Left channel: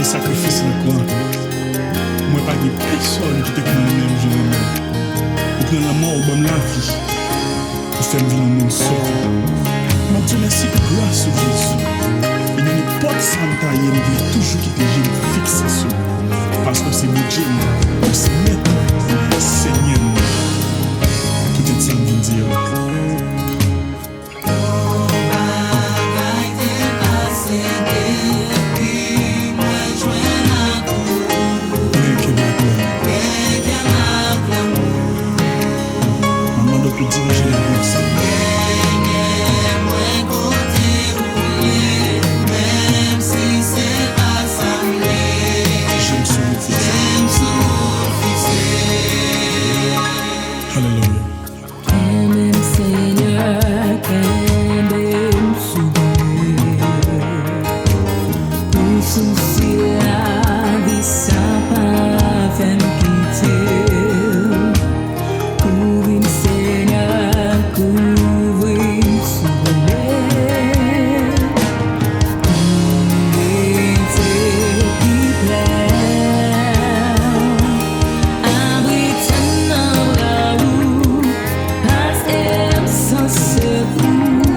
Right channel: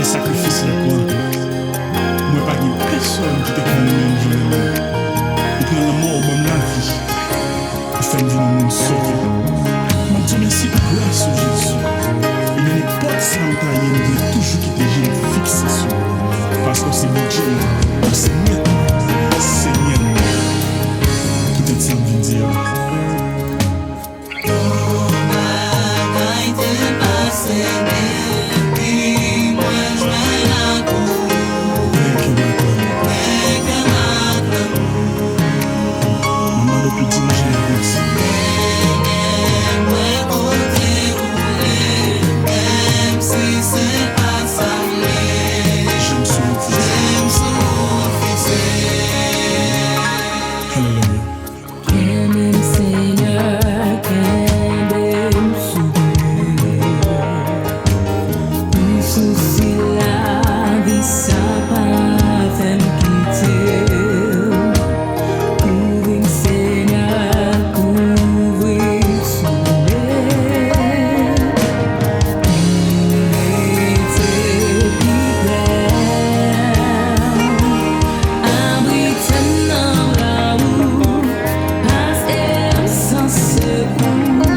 des sacrifices là quoi. Moi pas de personne qui te prend les mêmes gens. Ou prendre la mort ou bonne la vie. Pour faire vivre le monde sauvé. Je te remercie pour grâce de Jésus. Et dans n'importe ça, je veux toujours quitter les gens fixés sur lui. Parce que c'est mon Dieu, c'est maître, Seigneur. Peut-être ça me vient dire. Maman doit diriger la vie aussi. J'aime son fils. Alléluia. Qu'aime Seigneur, qu'aime souvenir. Pour souci la vie, ça pas fait me quitter. Couvre-moi Seigneur, couvre-moi souvenir. Mettez qui plaît. Abrite-moi dans bras ou passe sans secours.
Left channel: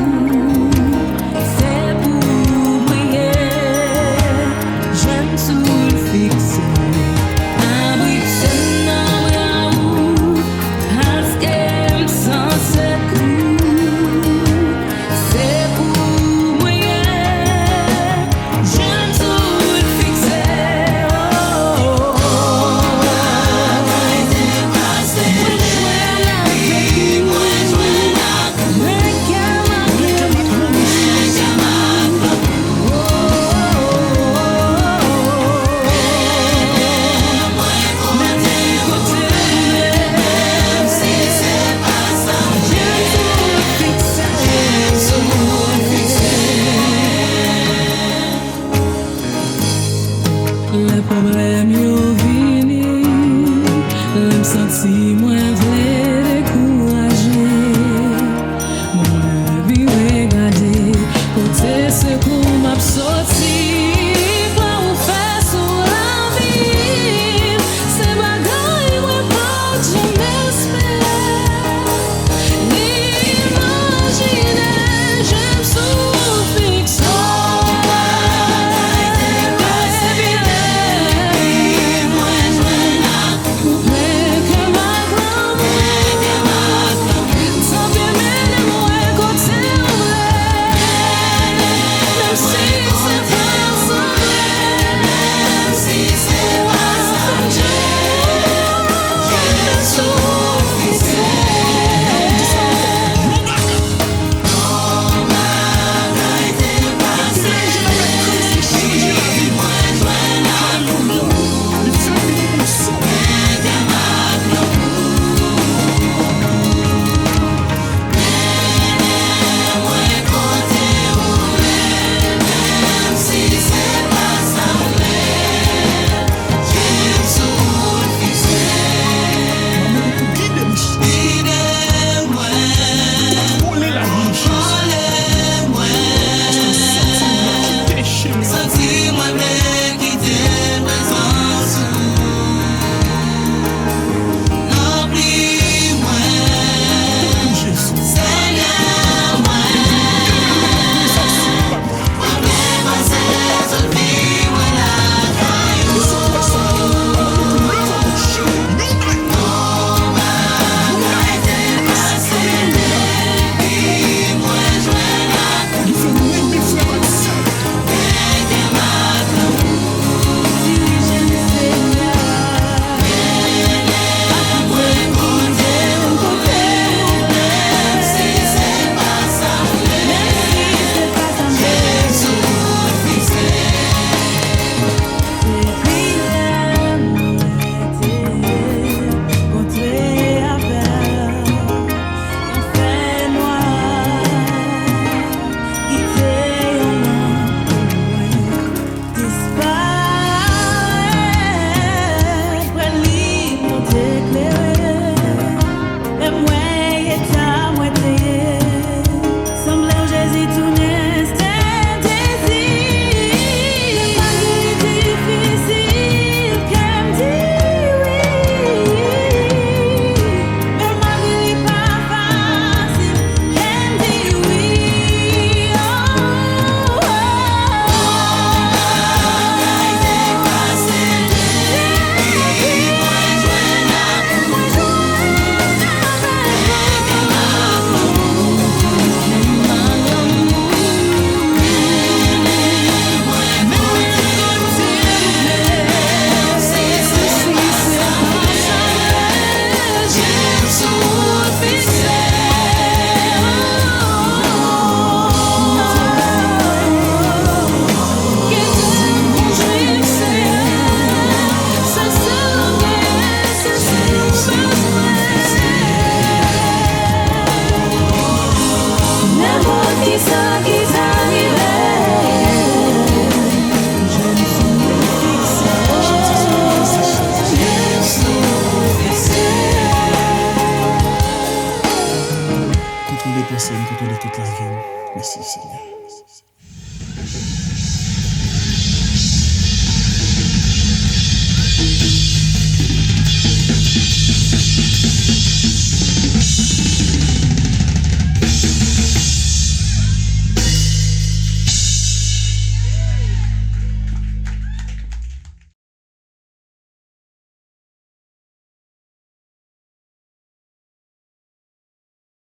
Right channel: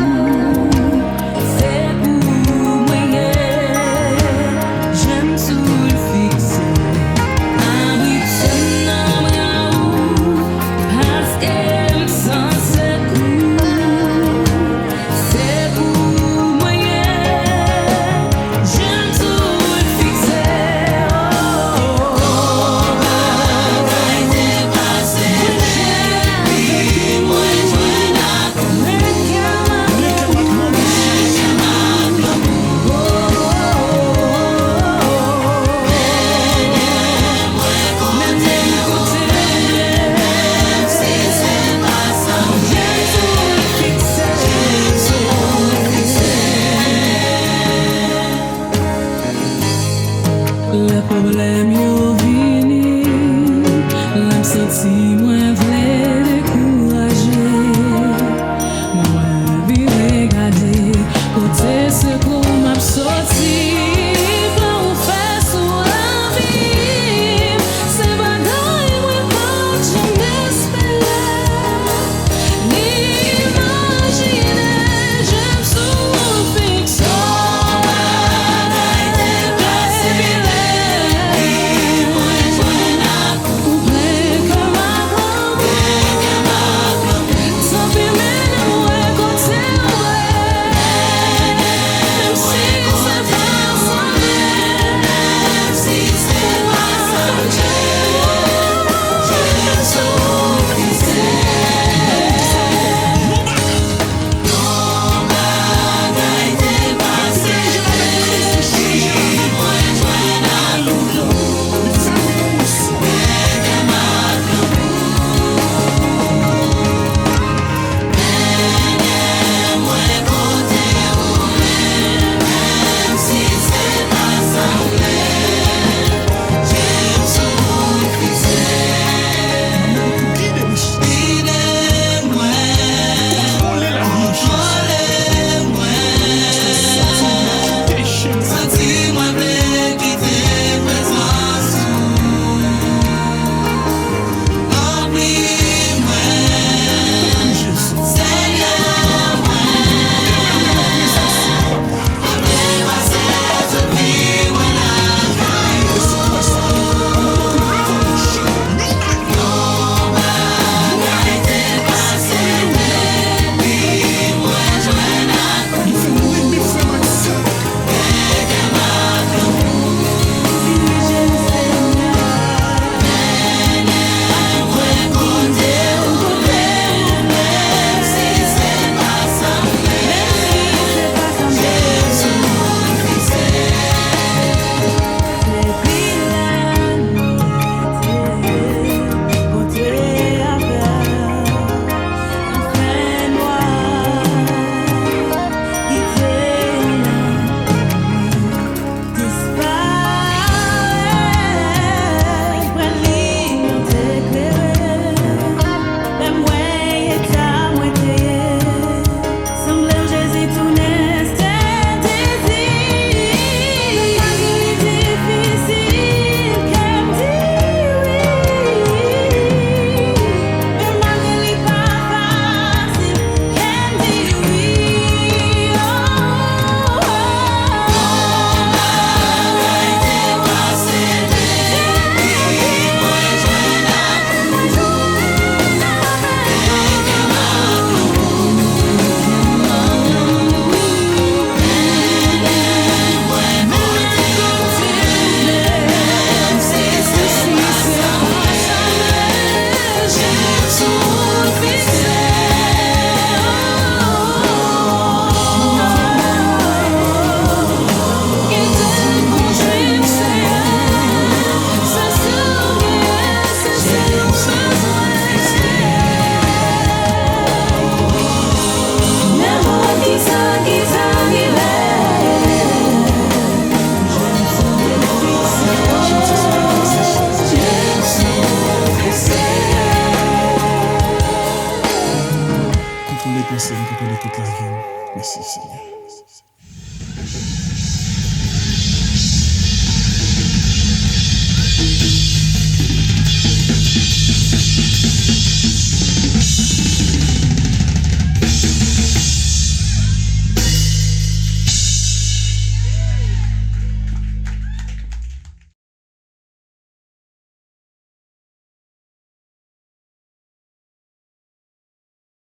Kisa